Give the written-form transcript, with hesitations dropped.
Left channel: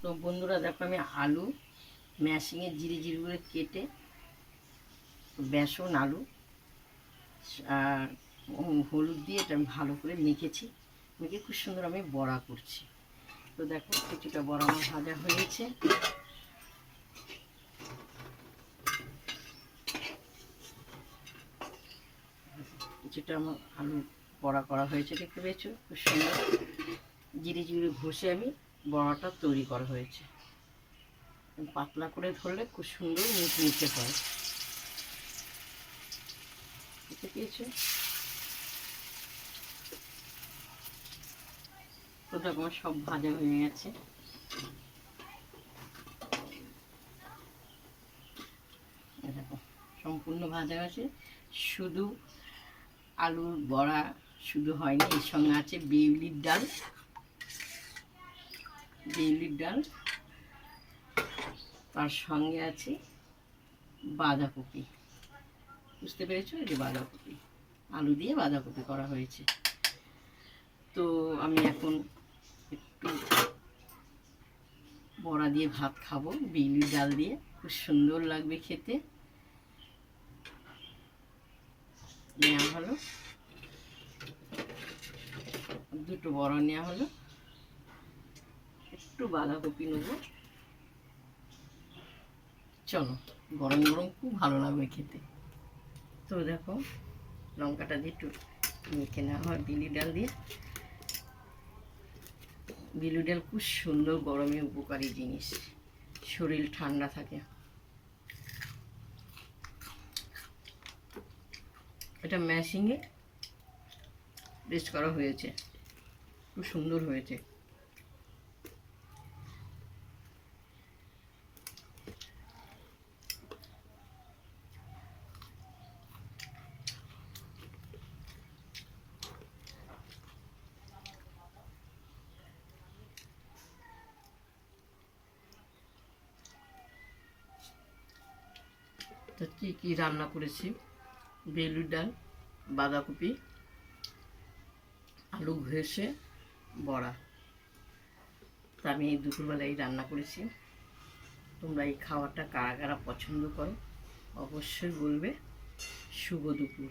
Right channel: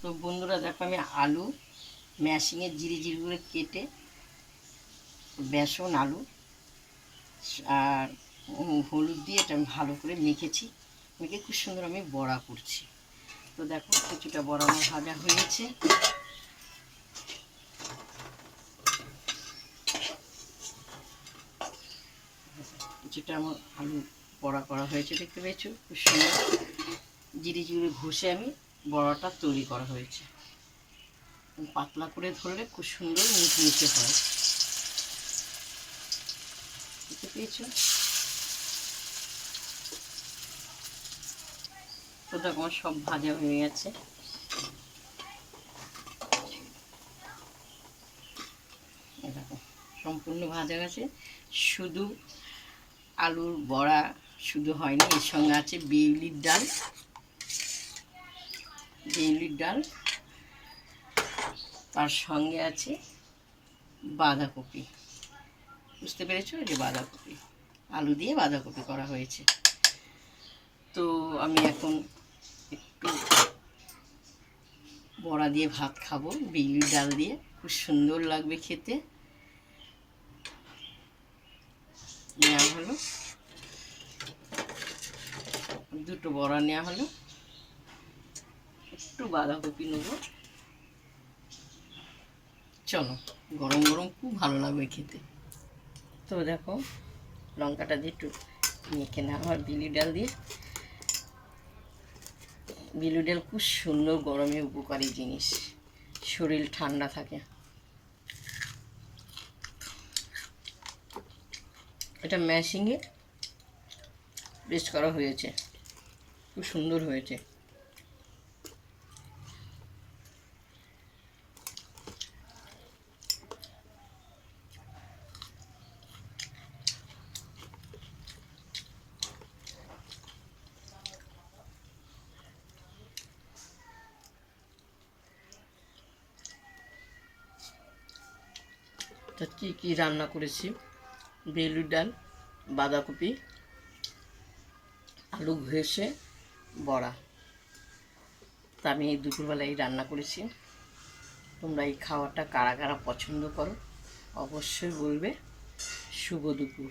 তো বন্ধুরা দেখো, আমি আলু ম্যাশিংয়ে জিরে জিরে করে কেটে বেসন আলু আর হলুদ দিয়ে এটা আমি ভালো করে মেখেছি। মেখে খুব সুন্দর আমি বড়া করছি। তো দেখো, কিছুটা বড়া আমার ভাজা হয়েছে। কিছুটা আমার আলু বড়া করা হয়েছে, দেখতে পেয়েছো? খুব সুন্দর জিরে জিরে ঘষে আমি বড়াটা তৈরি করা হয়েছে। পাতলা করে ধরলে খুব সুন্দর মুচমুচে হয়, দেখতে পেয়েছো? তো দেখো, আমার সব ভাজা হয়ে গেছে। দেখো, সম্পূর্ণ ভাজা গেছে। শুধু আলুর বড়া শুধু হয়নি, এর সঙ্গে আছে বিউলির ডাল। বিউলির ডাল, তার সঙ্গে আছে বাঁধাকপি। বুঝতে পেরেছো? এই যে বাঁধাকপি, আলু দিয়ে বাঁধাকপি করা হয়েছে। তো আমি এখন একটু বড়া দিয়ে ভাত খাবো, বিউলির ডাল দিয়ে, খুব সুন্দর লাগবে খেতে। নেওয়া হলো, দুটো বড়া নেওয়া হলো, একটু বাঁধাকপি নেব। চলো, গরম গরম খুব ভালো লাগবে খেতে। তো দেখো, লঙ্কাটা দিয়ে একটু মেখে নেওয়া হয় বিউলির ডাল দিয়ে। বিউলির ডাল খুব সুন্দর গরমে উপকারী জিনিস, শরীর ঠান্ডা থাকে। এটা ম্যাশিংয়ে পেস্ট করা হয়েছে, খুব সুন্দর হয়েছে। তা কী কী রান্না করেছি? বিউলির ডাল, বাঁধাকপি, আলু ঘষে বড়া। তা আমি এই দুপুরবেলায় রান্না করেছি। তোমরা এই খাবারটা কারা কারা পছন্দ করো অবশ্যই বলবে। শুভ দুপুর।